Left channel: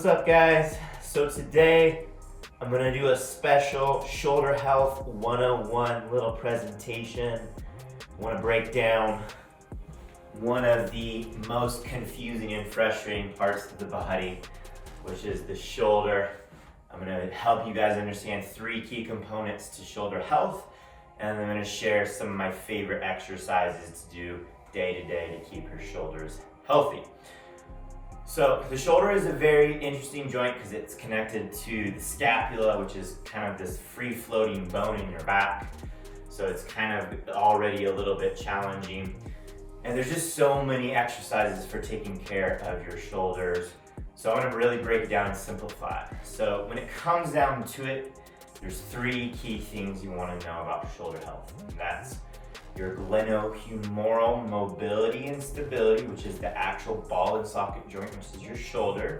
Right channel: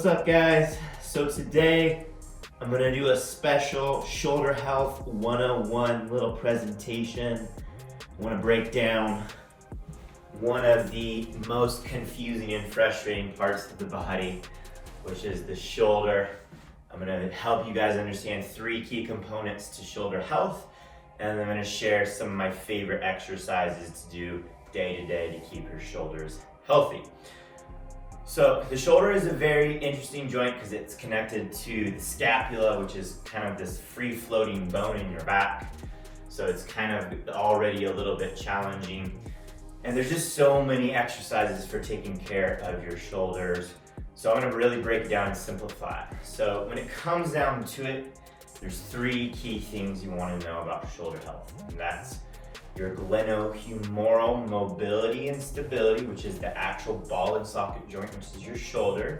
What's up, guys? So today I'm gonna do a special shoulder health 101 little presentation. I want to break down one of the most confusing and frustrating parts of the body, which is the shoulder. I'm gonna help you guys understand 3 key components to shoulder health, and I'm gonna share some of my favorite exercises to do day to day to keep your shoulders healthy. So the shoulder is a very interesting joint because it's connected to the scapula, which is kind of this free-floating bone in your back. So it's kind of already a little bit challenging. And there's just so many exercises for taking care of your shoulders. So I'm gonna really break it down and simplify. So when it comes down to it, there's 3 key things you wanna know about shoulder health. And that's your glenohumeral mobility and stability, which is the actual ball and socket joint, which is your shoulder.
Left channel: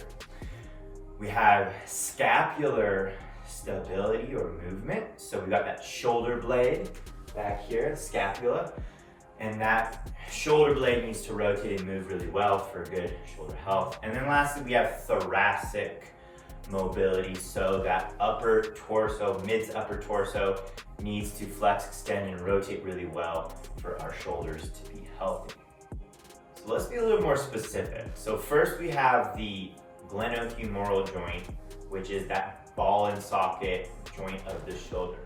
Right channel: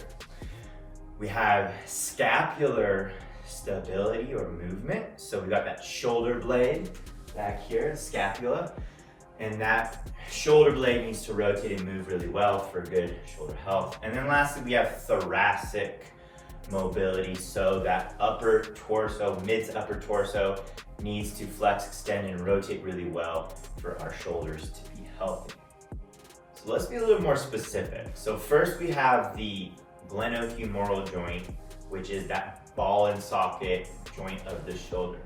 We have scapular stability or movement. So we've got that shoulder blade back here, the scapula, and that shoulder blade needs to rotate and move really well for good shoulder health. And then lastly, we have thoracic mobility. So that upper torso, mid to upper torso, needs to flex, extend, and rotate really well for our shoulders to be healthy. So let's be a little more specific. So first we have the glenohumeral joint, which is that ball and socket joint of the shoulder.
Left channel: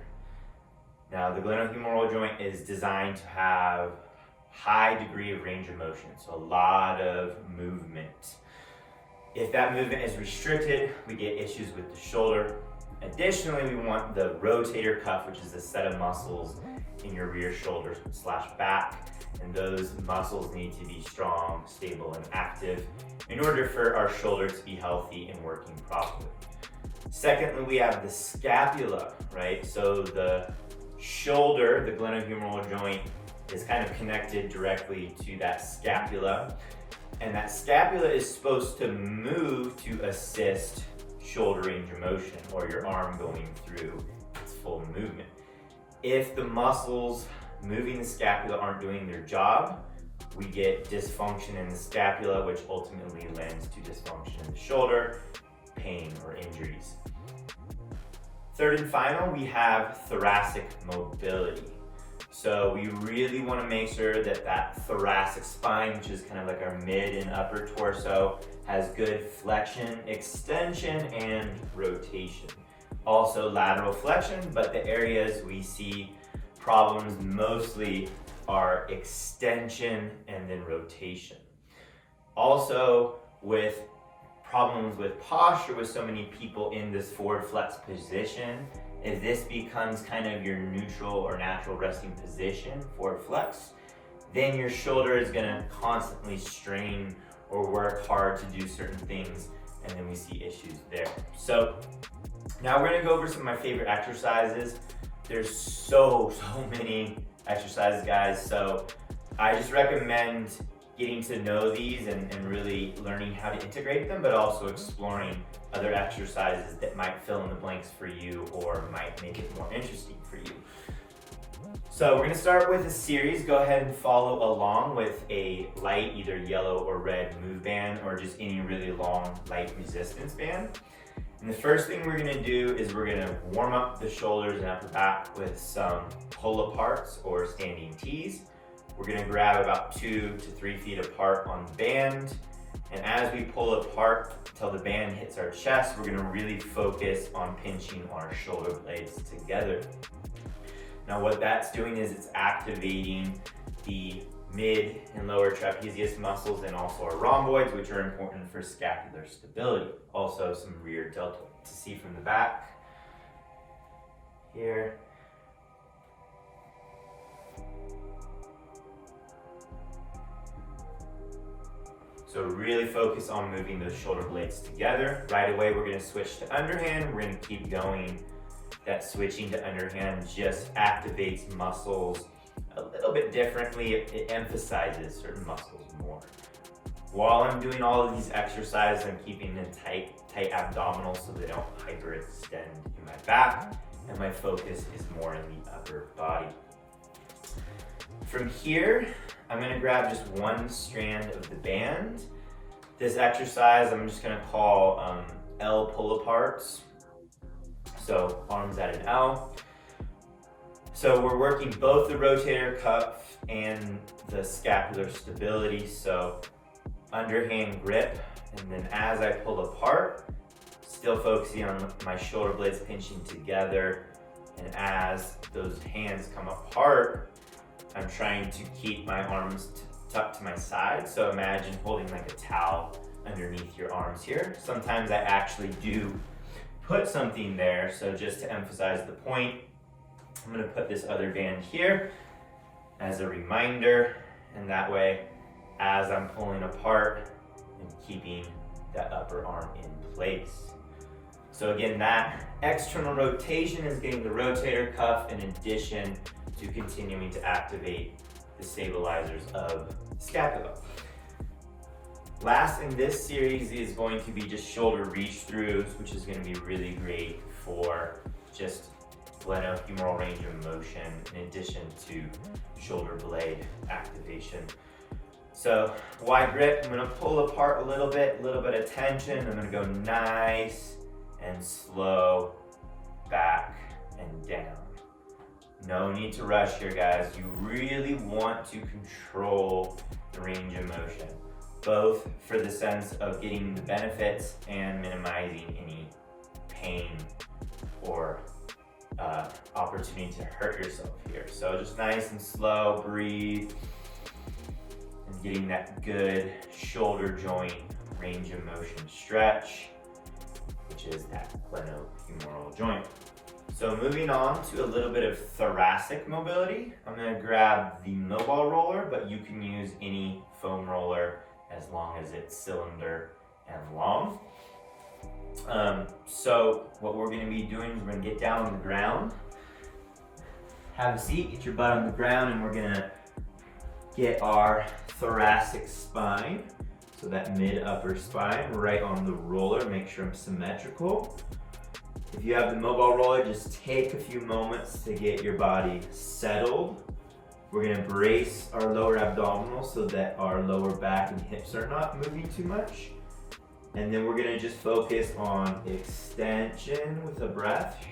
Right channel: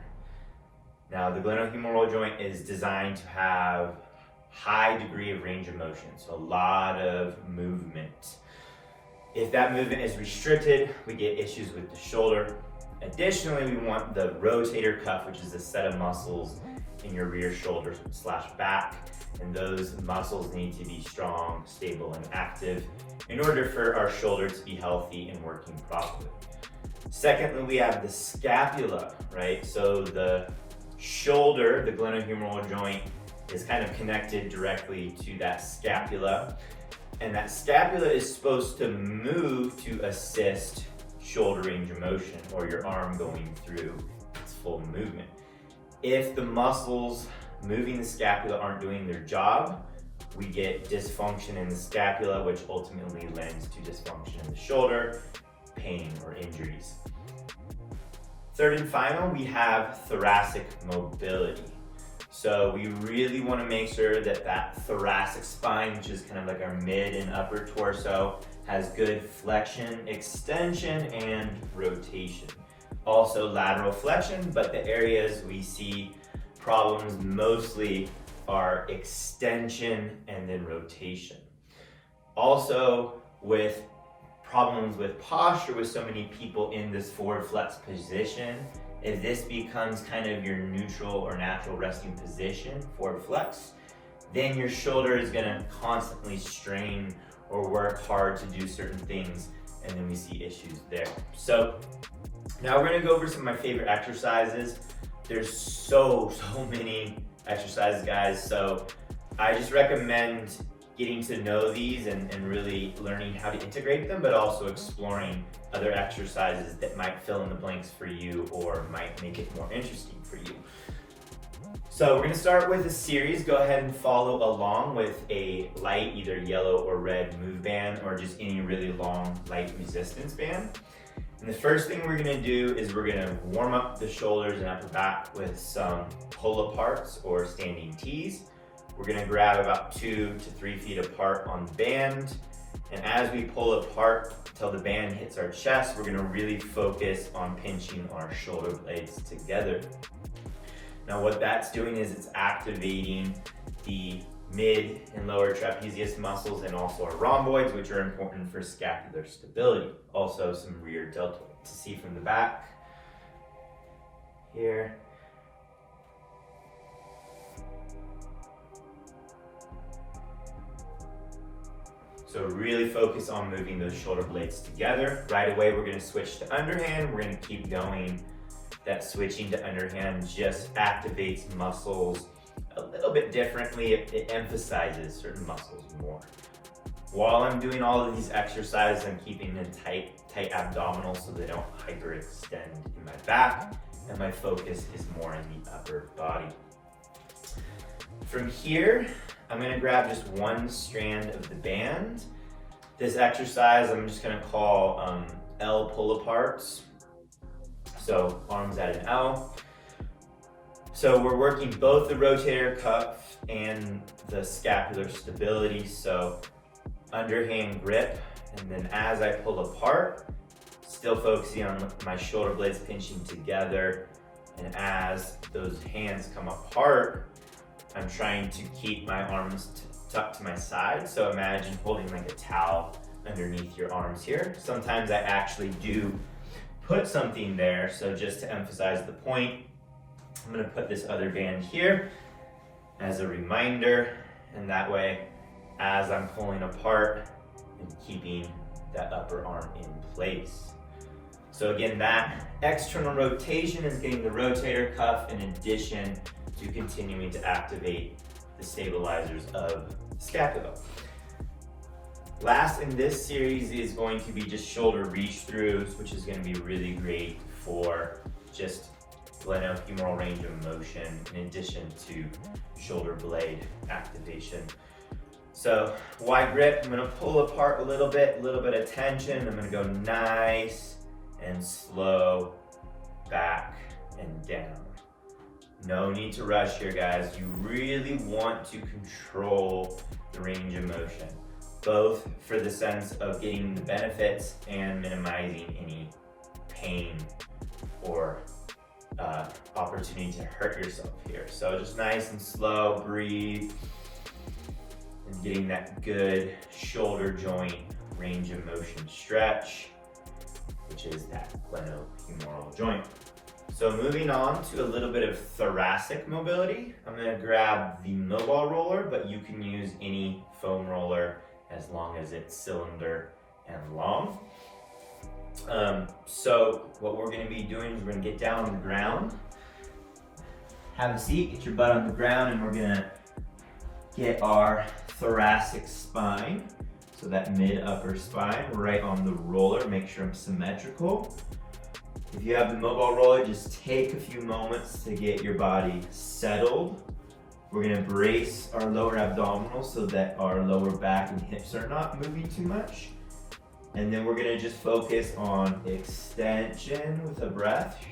Now the glenohumeral joint is designed to have high degree of range of motion, so a lot of movement. If that movement is restricted, we get issues with the shoulder. Additionally, we want the rotator cuff, which is a set of muscles in your rear shoulder / back. And those muscles need to be strong, stable, and active in order for our shoulder to be healthy and working properly. Secondly, we have the scapula, right? So the shoulder, the glenohumeral joint, is kind of connected directly to that scapula. And that scapula is supposed to move to assist shoulder range of motion, or your arm going through its full movement. If the muscles moving the scapula aren't doing their job, we get dysfunction in the scapula, which ultimately lends to dysfunction in the shoulder, pain, or injuries. Third and final, we have thoracic mobility. So we really want to make sure that that thoracic spine, which is kind of like our mid and upper torso, has good flexion, extension, and rotation. Also lateral flexion, but the areas we see problems mostly are extension and then rotation. Also with problems with posture with so many people in this forward flex position, if this becomes kind of your neutral or natural resting position, forward flex, then your shoulder is gonna constantly strain or work hard to do certain things, and then we see issues there. So now we're gonna go over some of my favorite exercises. There's so many exercises, guys, so I just recommend getting to know these and really learning how to integrate them, but also exploring other exercises that might fill in the blanks for you or might make it more interesting for you. So we're gonna start with a series. Go ahead and follow along with a light, either yellow or red move band, or just any really long, light resistance band. And the first thing we're gonna do is we're gonna warm up the shoulders and upper back with some pull-aparts or standing T's. We're gonna grab about 2 to 3 feet apart on the band. And as we pull apart till the band hits our chest, we're gonna really focus on pinching our shoulder blades together. Now what that's doing is it's activating the mid and lower trapezius muscles and also our rhomboids, which are important for scapular stability. Also some rear deltoid. To see from the back, here. So really focus on moving those shoulder blades together. Right away, we're gonna switch to underhand. We're gonna keep going. That switching to underhand just activates muscles a little bit differently. It emphasizes certain muscles more. While I'm doing all of these exercises, I'm keeping them tight abdominals so they don't hyperextend in my back, and my focus is more in the upper body. From here, I'm gonna grab just one strand of the band. This exercise I'm just gonna call L pull aparts. So arms at an L. So we're working both the rotator cuff and the scapular stability. So underhand grip, and then as I pull apart, still focusing on my shoulder blades pinching together. And as those hands come apart, I'm trying to keep my arms tucked to my side. So imagine holding like a towel underneath your arms here. Sometimes I actually do put something there. So just to emphasize the point, I'm gonna put this other band here as a reminder. And that way, as I'm pulling apart and keeping that upper arm in place. So again, that external rotation is getting the rotator cuff in addition to continuing to activate the stabilizers of the scapula. Last in this series is going to be just shoulder reach throughs, which is going to be really great for just glenohumeral range of motion in addition to shoulder blade activation. So wide grip, I'm going to pull apart a little bit of tension. I'm going to go nice and slow back and down. No need to rush here, guys. You really want to control the range of motion, both for the sense of getting the benefits and minimizing any pain or opportunity to hurt yourself here. So just nice and slow, breathe, and getting that good shoulder joint range of motion stretch, which is that glenohumeral joint. So moving on to a little bit of thoracic mobility. I'm gonna grab the mobile roller, but you can use any foam roller as long as it's cylinder and long. So what we're gonna be doing is we're gonna get down on the ground, have a seat, get your butt on the ground, and we're gonna get our thoracic spine, so that mid-upper spine, right on the roller. Make sure I'm symmetrical. If you have the mobile roller, just take a few moments to get your body settled. We're gonna brace our lower abdominals so that our lower back and hips are not moving too much. And then we're gonna just focus on extension with a breath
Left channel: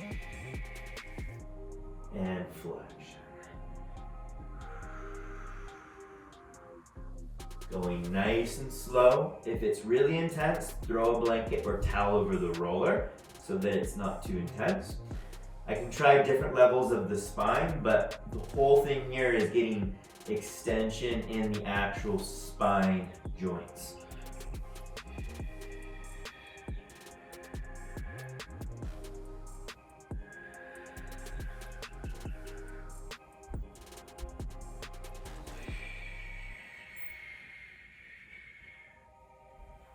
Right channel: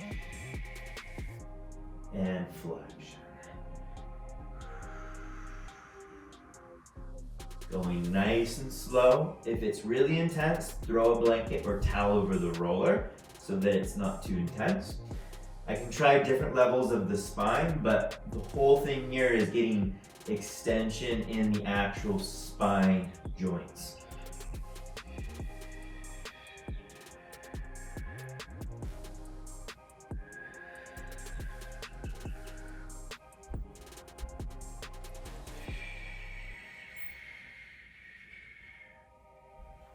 and flexion. Going nice and slow. If it's really intense, throw a blanket or towel over the roller so that it's not too intense. I can try different levels of the spine, but the whole thing here is getting extension in the actual spine joints.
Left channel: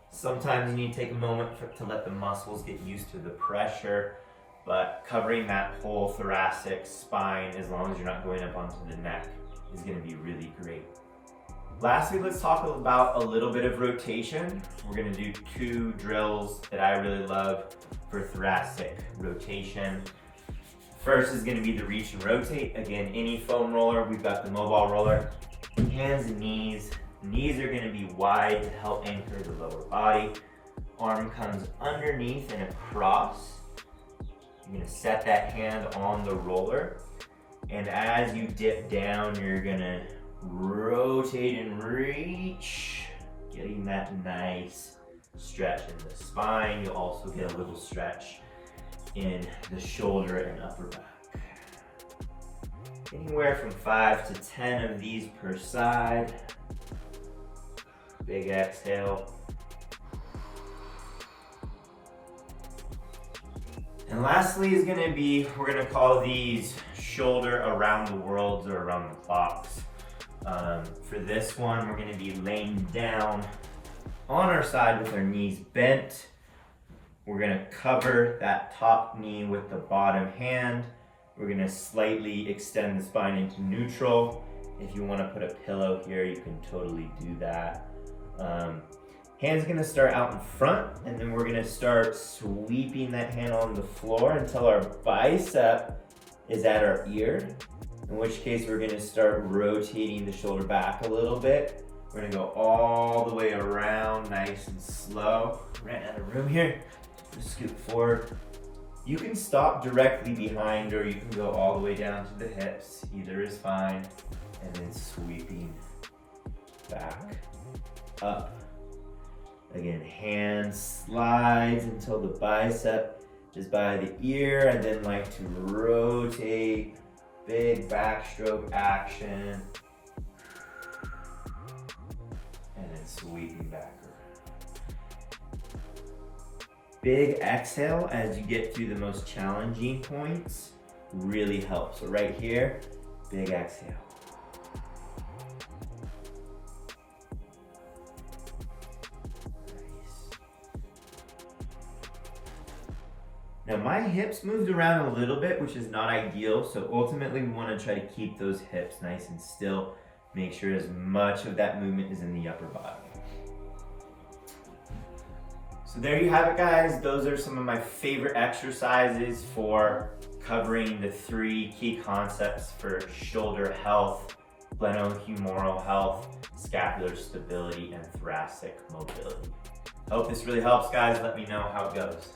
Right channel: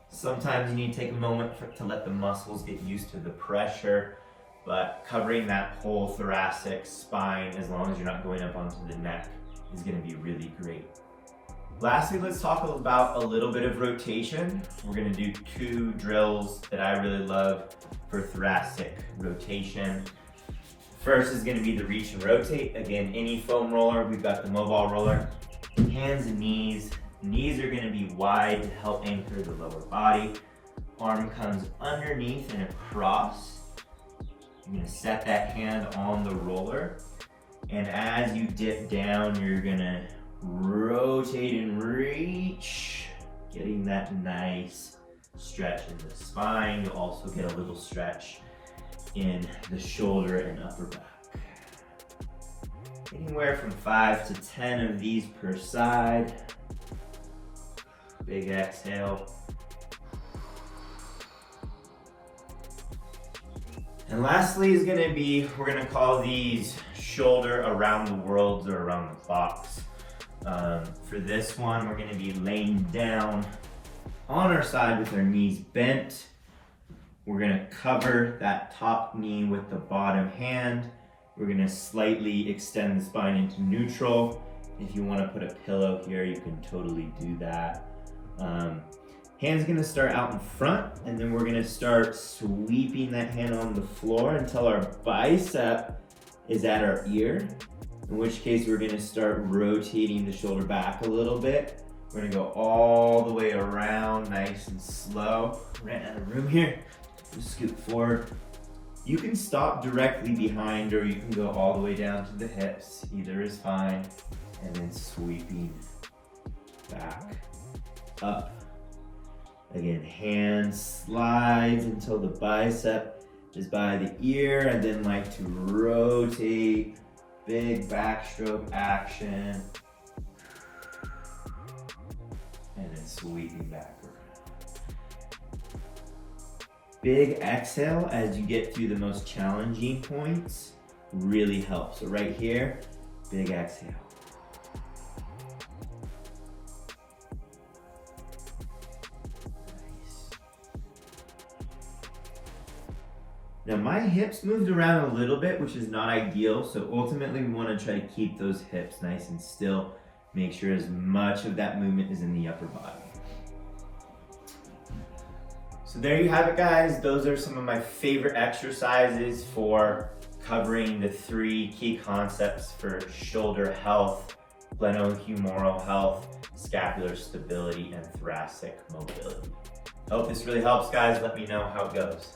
Sometimes you need to take a moment to let the muscles get used to the pressure, but covering that whole thoracic spine, as long as you're not going up onto the neck, is going to be really great. Lastly, let's talk about a little bit of rotation. We're going to do two drills that I really love for thoracic rotation. First is going to be the reach and rotate. Again, any foam roller, we've got the mobile roller. Hands and knees. Knees are going to be wide to help anchor the lower body. Arm comes underneath and across. I'm going to set that hand on the roller. And as you dip down, you're going to rotate and reach, getting that nice stretch in the spine. You'll also get a little stretch in the shoulder and upper back. Anywhere from 5 to 10 of these per side. Big exhale. And lastly is gonna be, we're gonna call these shoulder around the worlds or around the clocks. For this one, we're gonna be laying down on our side with our knees bent. We're gonna cover that top knee with the bottom hand. We're gonna slightly extend the spine into neutral. If you wanna put a pillow here, you can totally do that. Hand's gonna start out in front, and then we're gonna start sweeping that hand on the floor until our bicep is at our ear, in which case we're gonna start rotating the shoulder back a little bit. We're gonna go all the way around, nice and slow. Ran out of room here. Just scoot forward. You can stop directly behind or you can go all the way down to the hips. Either is fine. And then sweeping back up. Again, hand slides until the bicep is by the ear, and then like to rotate, big backstroke action, and then sweeping back. Big exhale as you get through the most challenging points really helps. So right here, big exhale. Now my hips moved around a little bit, which is not ideal, so ultimately we want to try to keep those hips nice and still. Make sure as much of that movement is in the upper body. So there you have it, guys. Those are some of my favorite exercises for covering the 3 key concepts for shoulder health: glenohumeral health, scapular stability, and thoracic mobility. I hope this really helps, guys. Let me know how it goes.